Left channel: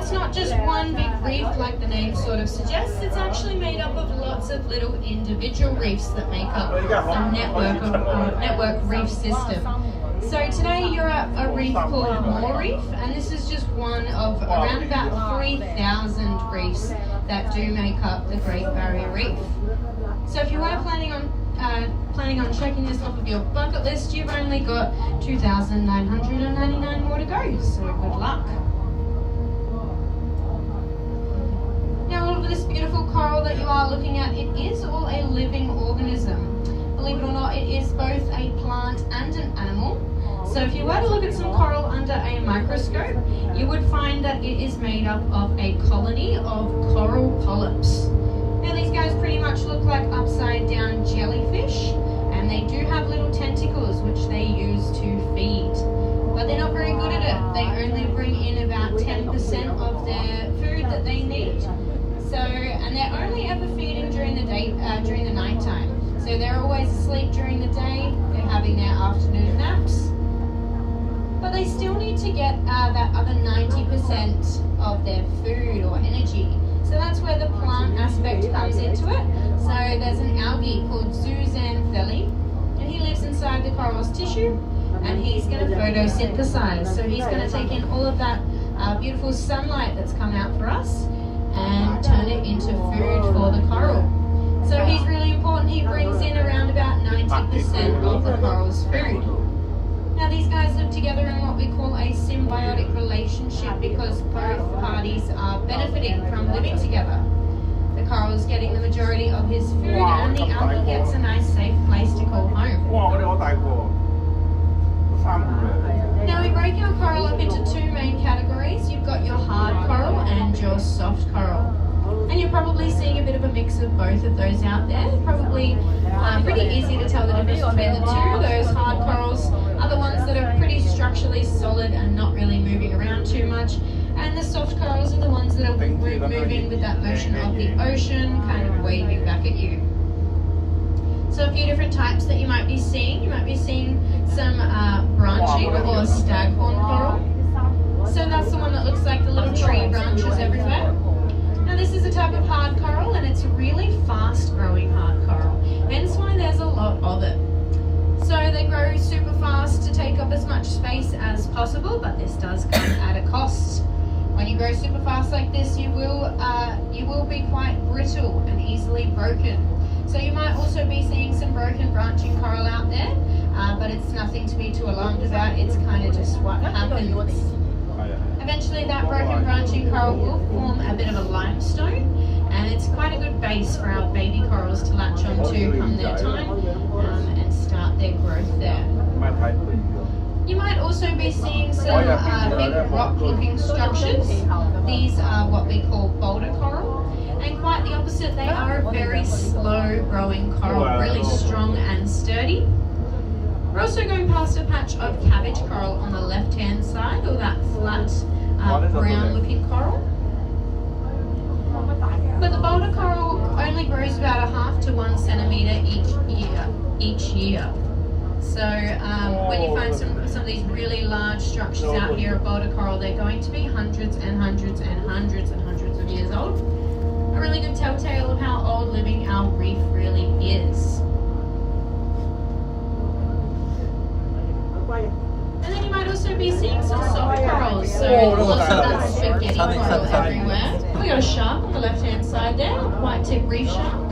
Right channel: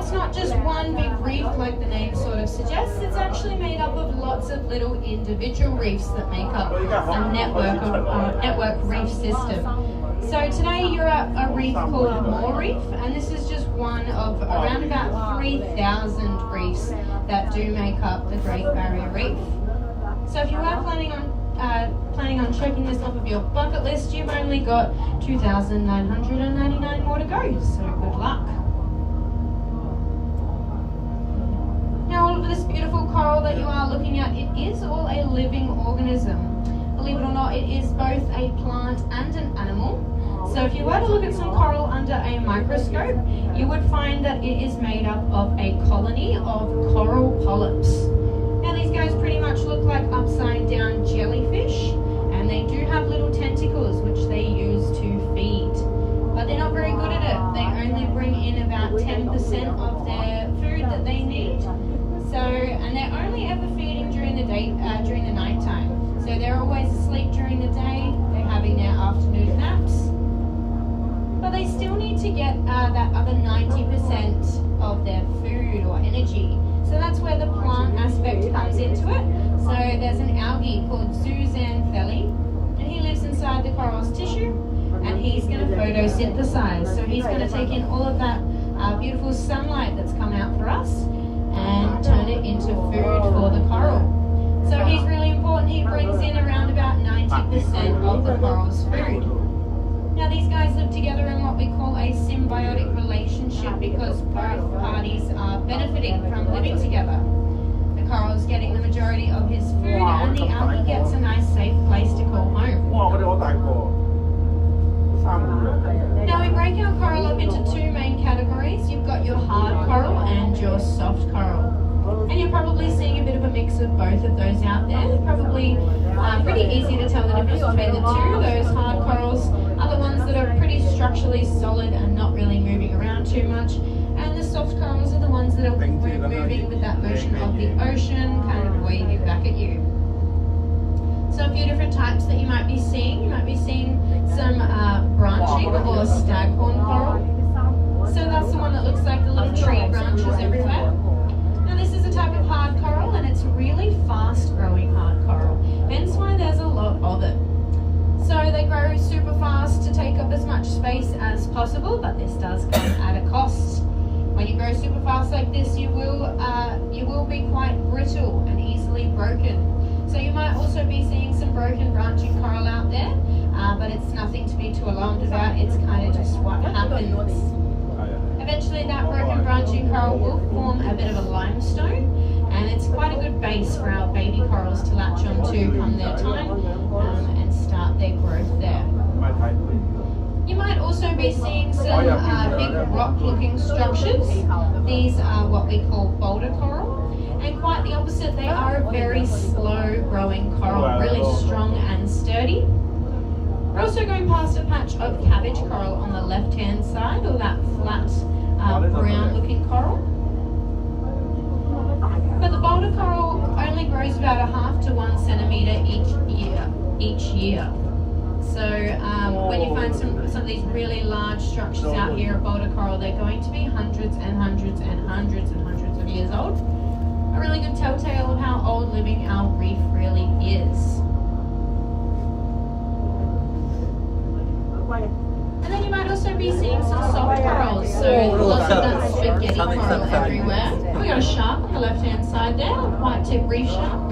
it's not just one big reef like the name sort of suggests. It's actually made up of lots of little individual reefs that make up a network reef system. So today you're at a reef called Moore Reef, and this is just one of around about 3,000 reefs that do make up the Great Barrier Reef. So if you are planning on checking this off of your bucket list, you've only got 2,999 more to go, so good luck. Now all of this beautiful coral that you are looking at, it is all a living organism. Believe it or not, it is both a plant and an animal. So if you were to look at some coral under a microscope, you would find that it is made up of a colony of coral polyps. Now these guys pretty much look like upside down jellyfish, and they do have little tentacles which they use to feed. But they're not very good at it. They only bring in about 10% of their food that they need. So, and they're only ever feeding during the night time. So they're always asleep during the day, they're having their afternoon naps. But they still need to get that other 90% of their food or energy. So that's where the plant aspect comes into it. So there's an algae called zooxanthellae, and he lives inside the coral's tissue, and he's going to photosynthesize. So he's going to take in all of that beautiful sunlight that's come out for us and turn it into food for the coral. So he's really important. He brings in around about 90% of the coral's food. Now these guys live together in what we call a symbiotic relationship because both parties are benefiting from living together. The coral is getting the majority of his food, and the algae gets a nice safe place to call home. Now we break our coral up into two main categories. You've got your hard coral and your soft coral. And you're probably seeing a bit of a mix of both of those out there. Probably pretty easy to tell the difference between the two. Those hard corals are the ones that are pretty structurally solid and not really moving around too much. And the soft corals are the ones that are moving with that motion of the ocean, kind of waving back at you. So a few different types that you might be seeing. You might be seeing some branching or staghorn coral. So that's the one that looks like the little tree branches everywhere. Now this is a type of hard coral, and it's a really fast growing hard coral, hence why there's a lot of it. So they grow super fast to take up as much space as possible, but this does come at a cost. When you grow super fast like this, you will be quite brittle and easily broken. So you might also be seeing some broken branching coral out there, but it's nothing to be too alarmed about. It's kind of just what happens. Eventually that broken branching coral will form a bit of a limestone, and it's quite a good base for our baby corals to latch onto come their time and start their growth there. You might also be seeing some big rock-looking structures. These are what we call boulder coral, and quite the opposite, they are a very slow-growing coral, really strong and sturdy. We're also going past a patch of cabbage coral on the left-hand side, or that flat brown-looking coral. But the boulder coral only grows about 1/2 to 1 centimetre each year. So when you find some of these really large structures out here of boulder coral, they're going to be hundreds and hundreds and hundreds and hundreds of years old. A really good telltale of how old living our reef really is. And then you might also be seeing some soft corals, so there's lots of that spaghetti coral everywhere. We got a shark on the left hand side there, white tip reef shark.